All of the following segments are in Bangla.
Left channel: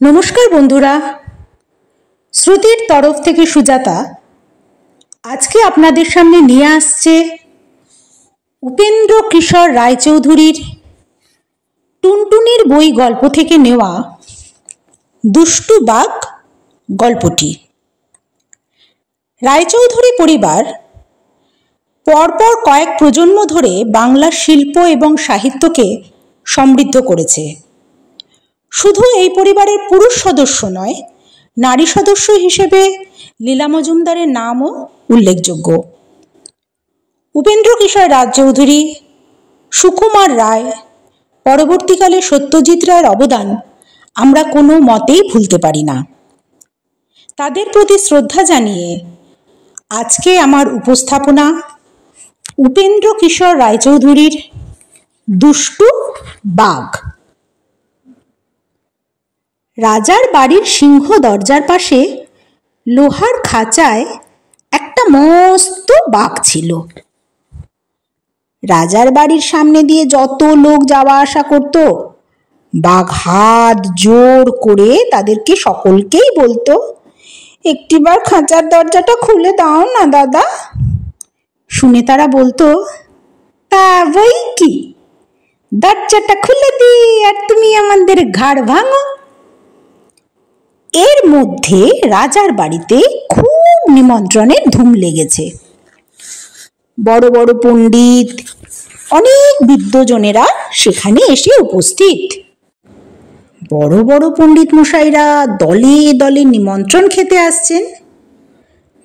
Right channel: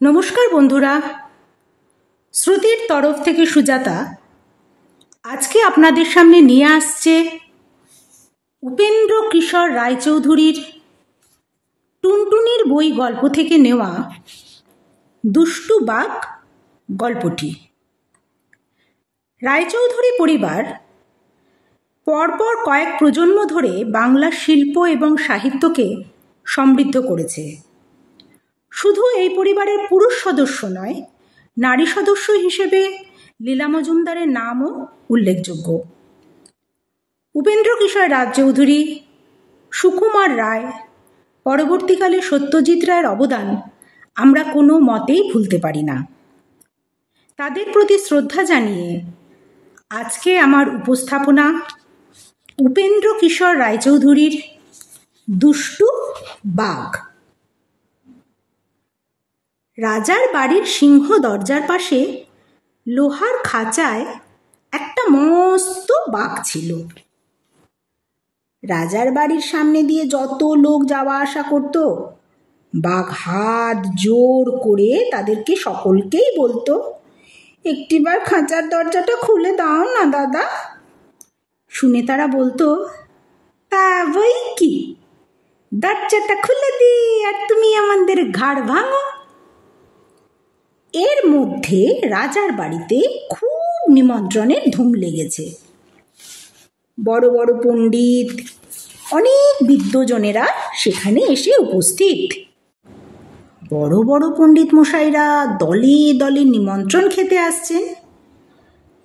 নমস্কার বন্ধুরা, শ্রুতির তরফ থেকে সুজাতা আজকে আপনাদের সামনে নিয়ে আসছে উপেন্দ্র কিশোর রায়চৌধুরীর টুনটুনির বই গল্প থেকে নেওয়া দুষ্টু বাঘ গল্পটি। রায়চৌধুরী পরিবার পরপর কয়েক প্রজন্ম ধরে বাংলার শিল্প এবং সাহিত্যকে সমৃদ্ধ করেছে। শুধু এই পরিবারের পুরুষ সদস্য নয়, নারী সদস্য হিসেবে লীলা মজুমদারের নামও উল্লেখযোগ্য। উপেন্দ্র কিশোর রায়চৌধুরী, সুকুমার রায়, পরবর্তীকালে সত্যজিৎ রায়ের অবদান আমরা কোনো মতেই ভুলতে পারি না। তাদের প্রতি শ্রদ্ধা জানিয়ে আজকে আমার উপস্থাপনা উপেন্দ্র কিশোর রায়চৌধুরীর দুষ্টু বাঘ। রাজার বাড়ির সিংহ দরজার পাশে লোহার খাঁচায় একটা মস্ত বাঘ ছিল। রাজার বাড়ির সামনে দিয়ে যত লোক যাওয়া আসা করত, বাঘ হাত জোর করে তাদেরকে সকলকেই বলতো, একটিবার খাঁচার দরজাটা খুলে দাও না দাদা। শুনে তারা বলতো, তা বই কি, দরজাটা খুলে দি আর তুমি আমাদের ঘাড় ভাঙো। এর মধ্যে রাজার বাড়িতে খুব নিমন্ত্রণের ধুম লেগেছে। বড় বড় পণ্ডিত, অনেক বিদ্বজনেরা সেখানে এসে উপস্থিত। বড় বড় পণ্ডিত মশাইরা দলে দলে নিমন্ত্রণ খেতে আসছেন।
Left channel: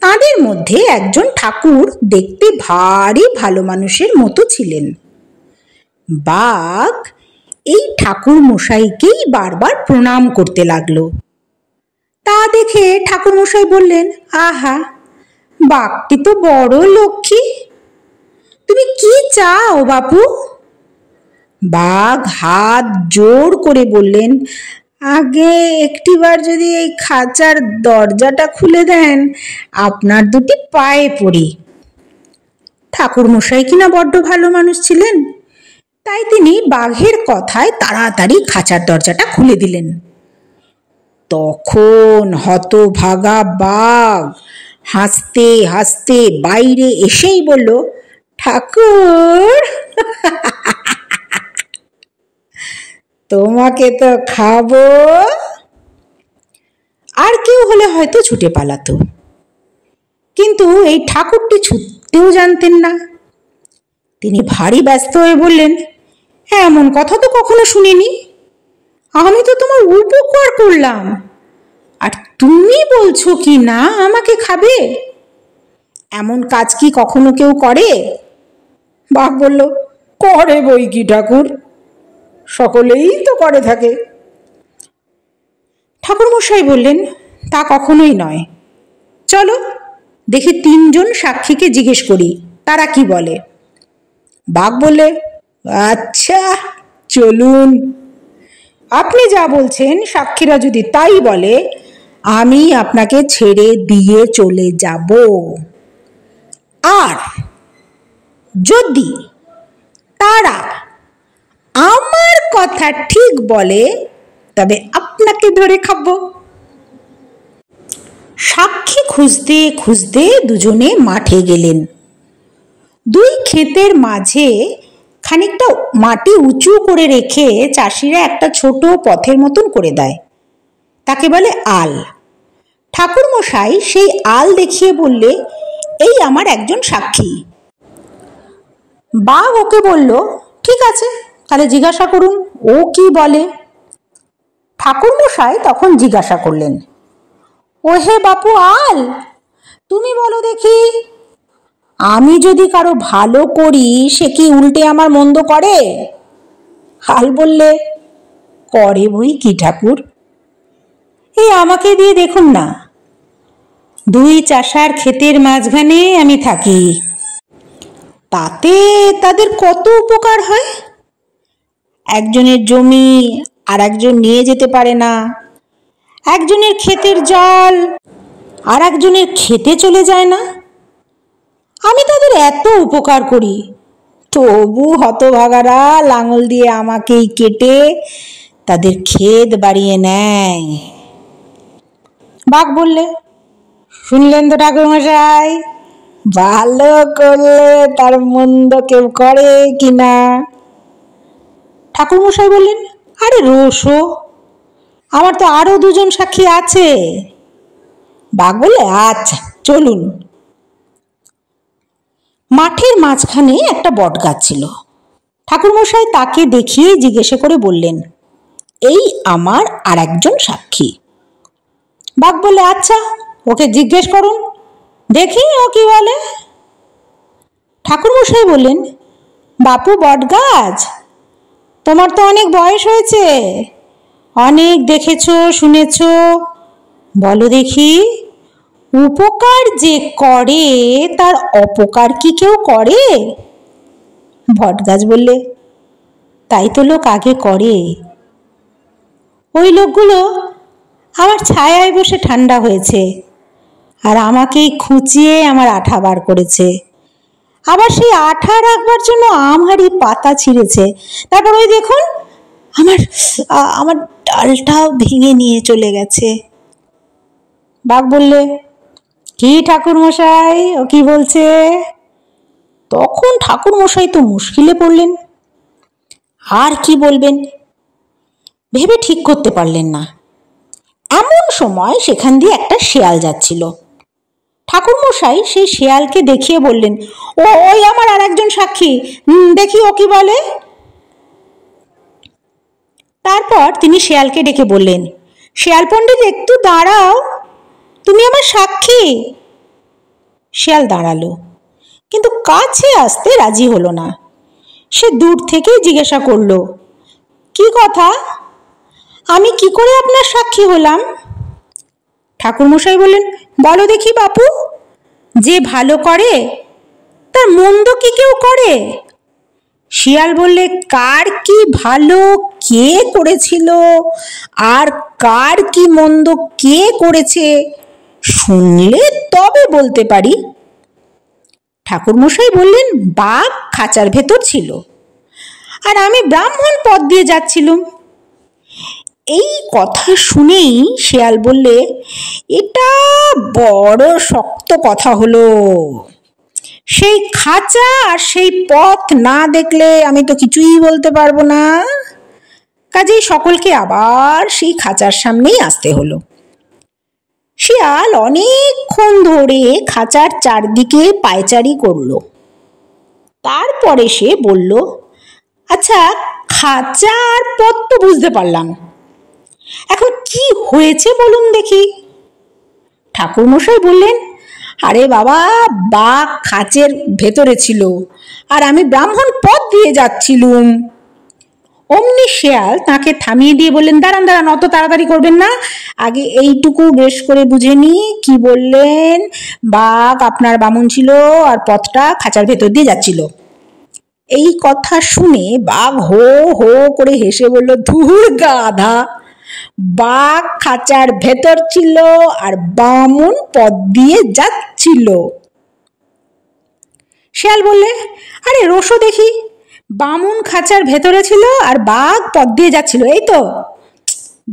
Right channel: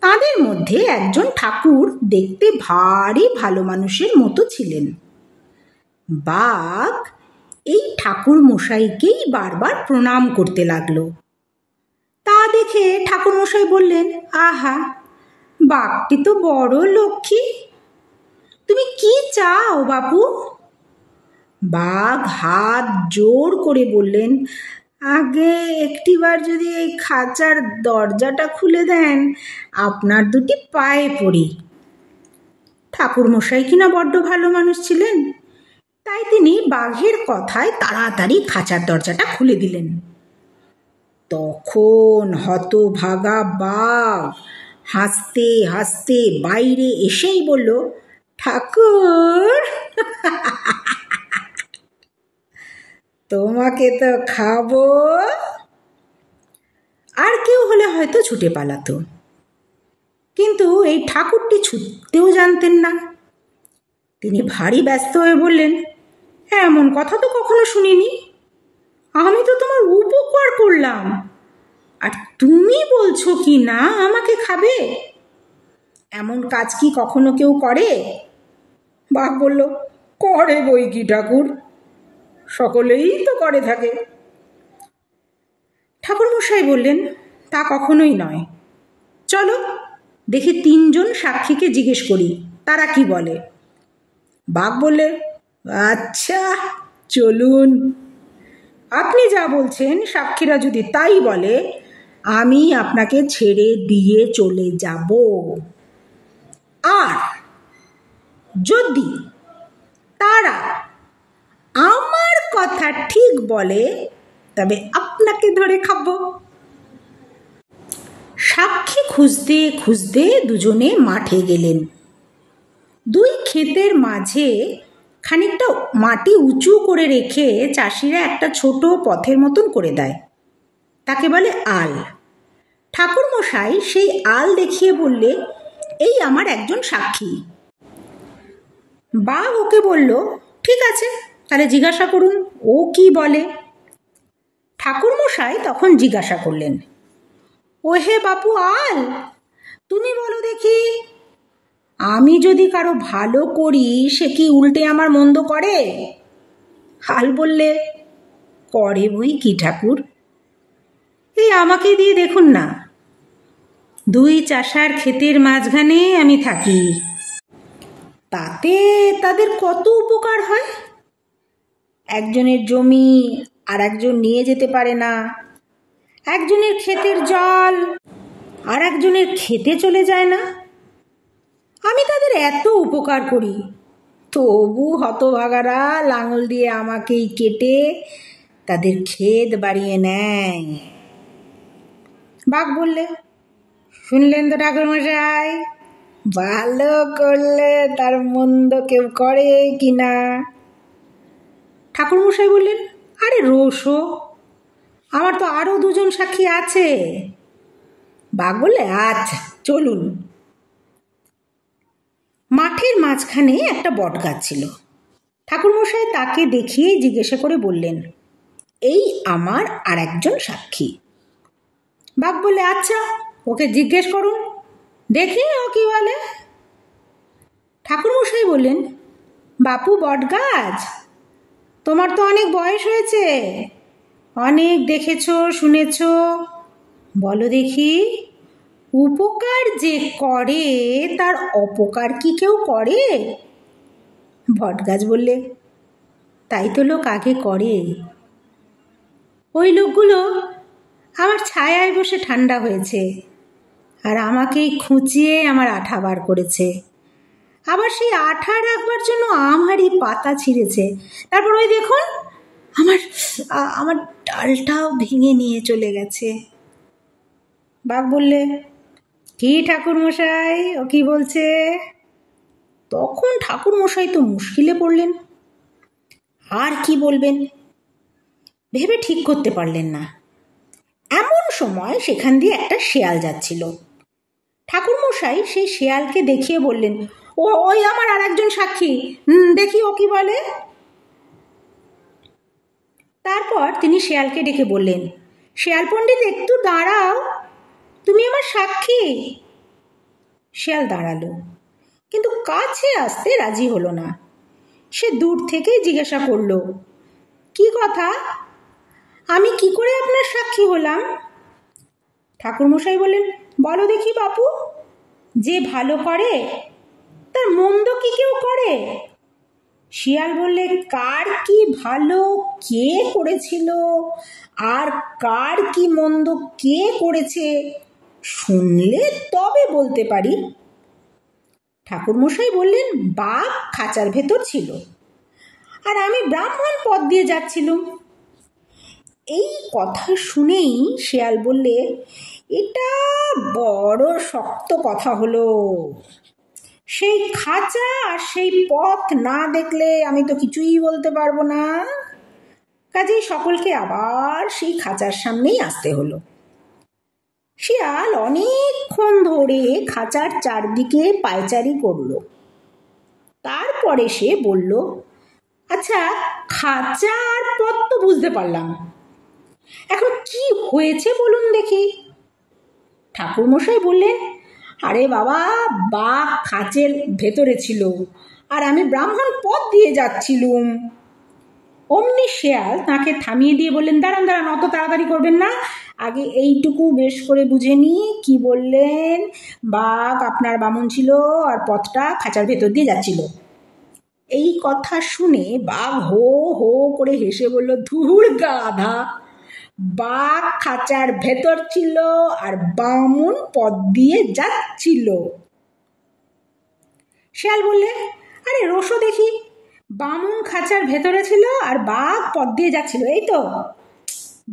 তাদের মধ্যে একজন ঠাকুর দেখতে ভারী ভালো মানুষের মতো ছিলেন। বাঘ এই ঠাকুর মশাইকেই বারবার প্রণাম করতে লাগলো। তা দেখে ঠাকুর মশাই বললেন, আহা, বাঘটি তো বড় লক্ষ্মী, তুমি কি চাও বাপু? বাঘ হাত জোর করে বললেন, আগে একটিবার যদি এই খাঁচার দরজাটা খুলে দেন, আপনার দুটি পায়ে পড়ি। ঠাকুর মশাই কিনা বড্ড ভালো মানুষ ছিলেন, তাই তিনি বাঘের কথায় তাড়াতাড়ি খাঁচার দরজাটা খুলে দিলেন। তখন হতভাগা বাঘ হাসতে হাসতে বাইরে এসেই বলল, ঠাকুর, তোমাকে তো খাবো। আর কেউ হলে হয়তো ছুটে পালাতো, কিন্তু এই ঠাকুরটি ছুটতেও জানতেন না। তিনি ভারী ব্যস্ত হয়ে বললেন, এমন কথা তো কখনো শুনিনি, আমি তো তোমার উপকার করলাম, আর তুমি বলছো কি না আমাকে খাবে? এমন কাজ কি কখনো কেউ করে? বাঘ বলল, করে বই কি ঠাকুর, সকলেই তো করে থাকে। ঠাকুর মশাই বললেন, তা কখনোই নয়, চলো দেখি তিনজন সাক্ষীকে জিজ্ঞেস করি তারা কি বলে। বাঘ বললে, আচ্ছা চলুন, আপনি যা বলছেন সাক্ষীরা যদি তাই বলে, আমি আপনাকে ছেড়ে দিয়ে চলে যাব। আর যদি তারা আমার কথা ঠিক বলে, তবে আপনাকে ধরে খাবো। সাক্ষী খুঁজতে খুঁজতে দুজনে মাঠে গেলেন। দুই ক্ষেতের মাঝে খানিকটা মাটি উঁচু করে রেখে চাষিরা একটা ছোট পথের মতন করে দেয়, তাকে বলে আল। ঠাকুর মশাই সেই আল দেখিয়ে বললে, এই আমার একজন সাক্ষী। বাঘ ওকে বলল, ঠিক আছে, তাহলে জিজ্ঞাসা করুন ও কি বলে। ঠাকুর মশাই তখন জিজ্ঞাসা করলেন, ও হে বাপু আল, তুমি বলো দেখি, আমি যদি কারো ভালো করি সে কি উল্টে আমার মন্দ করে? আল বললে, করে বই কি ঠাকুর, এই আমাকে দিয়ে দেখুন না, দুই চাষার ক্ষেতের মাঝখানে আমি থাকি, তাতে তাদের কত উপকার হয়। একজনের জমি আর একজন নিয়ে যেতে পারে না, একজনের ক্ষেতের জল আর একজনের খেতে চলে যায় না, আমি তাদের এত উপকার করি, তবু হতভাগারা লাঙল দিয়ে আমাকেই কেটে তাদের খেদ বাড়িয়ে নেয়। বাঘ বললে, শুনলেন তো ঠাকুরমশাই, ভালো করলে তার মন্দ কেউ করে কিনা। ঠাকুরমশাই বললেন, আরে রোসো, আমার তো আরো দুজন সাক্ষী আছে। বাঘ বললে, আচ্ছা চলুন। মাঠের মাঝখানে একটা বট গাছ ছিল। ঠাকুরমশাই তাকে দেখিয়ে জিজ্ঞেস করে বললেন, এই আমার আর একজন সাক্ষী। বাঘ বলে, আচ্ছা ওকে জিজ্ঞেস করুন, দেখি ও কি বলে। ঠাকুরমশাই বললেন, বাপু বট গাছ, তোমার তো অনেক বয়স হয়েছে, অনেক দেখেছো শুনেছো, বলো দেখি, উপকার যে করে তার অপকার কি কেউ করে? বটগাছ বললে, তাই তো লোক আগে করে। ওই লোকগুলো আমার ছায়ায় বসে ঠান্ডা হয়েছে, আর আমাকেই খুঁচিয়ে আমার আঠা বার করেছে। আবার সেই আঠা রাখবার জন্য আমারই পাতা ছিঁড়েছে। তারপর ওই দেখুন, আমার আমার ডালটাও ভেঙে নিয়ে চলে গেছে। বাঘ বললে, কি ঠাকুরমশাই, ও কি বলছে? তখন ঠাকুরমশাই তো মুশকিলে পড়লেন। আর কি বলবেন ভেবে ঠিক করতে পারলেন না। এমন সময় সেখান দিয়ে একটা শেয়াল যাচ্ছিল। ঠাকুরমশাই সেই শেয়ালকে দেখিয়ে বললেন, ওই আমার আর একজন সাক্ষী, দেখি ও কি বলে। তারপর তিনি শেয়ালকে ডেকে বললেন, শেয়াল পণ্ডিত একটু দাঁড়াও, তুমি আমার সাক্ষী। শেয়াল দাঁড়ালো, কিন্তু কাছে আসতে রাজি হলো না। সে দূর থেকেই জিজ্ঞাসা করলো, কি কথা, আমি কি করে আপনার সাক্ষী হলাম? ঠাকুরমশাই বললেন, বলো দেখি বাপু, যে ভালো করে তার মন্দ কি কেউ করে? শিয়াল বললে, কার কি ভালো কে করেছিল আর কার কি মন্দ কে করেছে শুনলে তবে বলতে পারি। ঠাকুরমশাই বললেন, বাঘ খাঁচার ভেতর ছিল, আর আমি ব্রাহ্মণ পথ দিয়ে যাচ্ছিলুম। এই কথা শুনেই শেয়াল বললে, এটা বড় শক্ত কথা হলো। সেই খাঁচা আর সেই পথ না দেখলে আমি তো কিছুই বলতে পারবো না। কাজেই সকলকে আবার সেই খাঁচার সামনেই আসতে হলো। শিয়াল অনেকক্ষণ ধরে খাঁচার চারদিকে পায়চারি করলো। তারপরে সে বলল, আচ্ছা, খাঁচা আর পথ তো বুঝতে পারলাম, এখন কি হয়েছে বলুন দেখি। ঠাকুরমশাই বললেন, আরে বাবা, বাঘ খাঁচের ভেতরে ছিল আর আমি ব্রাহ্মণ পথ দিয়ে যাচ্ছিলুম। অমনি শেয়াল তাকে থামিয়ে দিয়ে বললেন, দাঁড়ান দাঁড়ান, অত তাড়াতাড়ি করবেন না, আগে এইটুকু বেশ করে বুঝে নি কি বললেন। বাঘ আপনার বামুন ছিল আর পথটা খাঁচার ভেতর দিয়ে যাচ্ছিল। এই কথা শুনে বাঘ হো হো করে হেসে বলল, ধুর গাধা, বাঘ খাঁচার ভেতর ছিল আর বামুন পথ দিয়ে যাচ্ছিল। শিয়াল বললে, আরে রোসো দেখি, বামুন খাঁচার ভেতরে ছিল আর বাঘ পথ দিয়ে যাচ্ছিল, এই তো।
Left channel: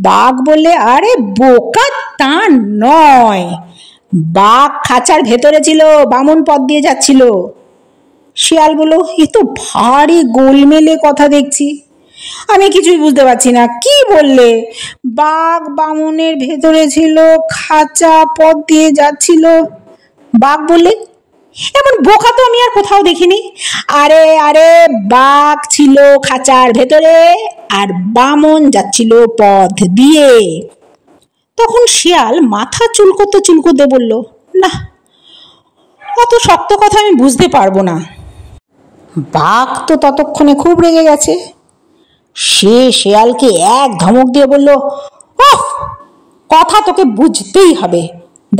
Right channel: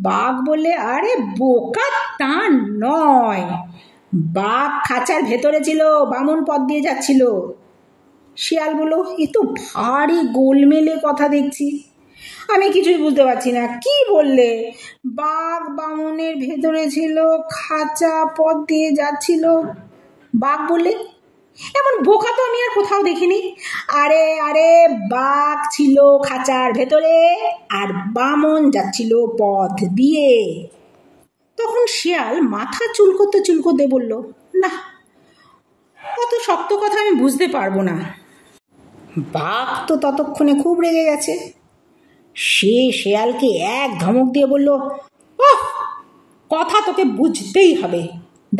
বাঘ বললে, আরে বোকা, তা নয়, বাঘ খাঁচার ভেতরে ছিল, বামুন পথ দিয়ে যাচ্ছিল। শিয়াল বলল, এ তো ভারী গোলমেলে কথা দেখছি, আমি কিছুই বুঝতে পারছি না, কি বললে? বাঘ বামুনের ভেতরে ছিল, খাঁচা পথ দিয়ে যাচ্ছিল। বাঘ বললে, এমন বোকা তো আমি আর কোথাও দেখিনি। আরে আরে, বাঘ ছিল খাঁচার ভেতরে আর বামন যাচ্ছিল পথ দিয়ে। তখন শিয়াল মাথা চুলকোতে চুলকোতে বলল, না, অত শক্ত কথা আমি বুঝতে পারবো না। বাঘ তো ততক্ষণে খুব রেগে গেছে। সে শেয়ালকে এক ধমক দিয়ে বলল, ওহ, কথা তোকে বুঝতেই হবে,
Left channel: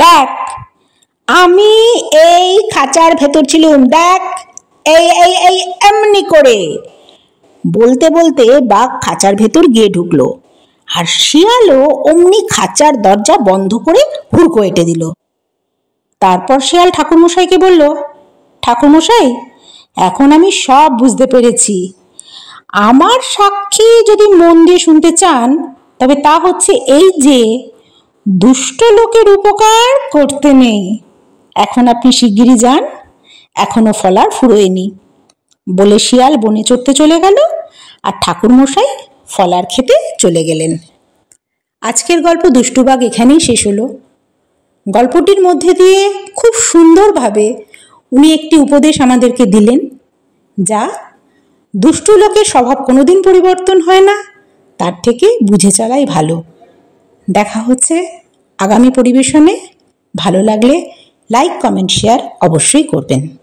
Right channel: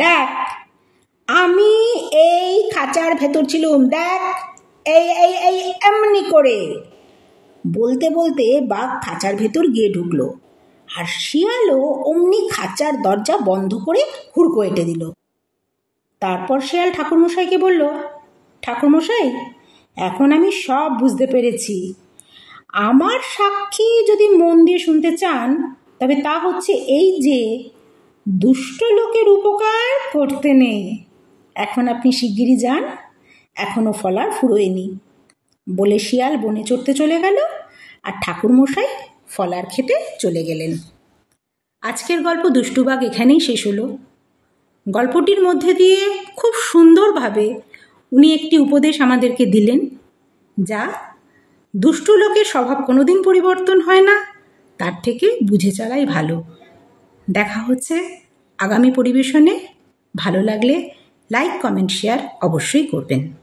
দেখ আমি এই খাঁচার ভেতর ছিলুম, দেখ এই এই এই এমনি করে। বলতে বলতে বাঘ খাঁচার ভেতর গিয়ে ঢুকলো, আর শিয়ালও অমনি খাঁচার দরজা বন্ধ করে হুড়কো এঁটে দিল। তারপর শিয়াল ঠাকুরমশাইকে বলল, ঠাকুরমশাই, এখন আমি সব বুঝতে পেরেছি, আমার সাক্ষী যদি মন দিয়ে শুনতে চান, তবে তা হচ্ছে এই যে দুষ্ট লোকের উপকার করতে নেই। এখন আপনি শিগগিরই যান, এখনো ফলার ফুরোয়নি। বলে শিয়াল বনে চড়তে চলে গেল, আর ঠাকুরমশাই ফলার খেতে চলে গেলেন। আজকের গল্প দুষ্টু বাঘ এখানেই শেষ হলো। গল্পটির মধ্যে দিয়ে খুব সুন্দরভাবে উনি একটি উপদেশ আমাদেরকে দিলেন, যা দুষ্টু লোকের স্বভাব কোনোদিন পরিবর্তন হয় না, তার থেকে বুঝে চলাই ভালো। দেখা হচ্ছে আগামী পরিবেশনে। ভালো লাগলে লাইক, কমেন্ট, শেয়ার অবশ্যই করবেন।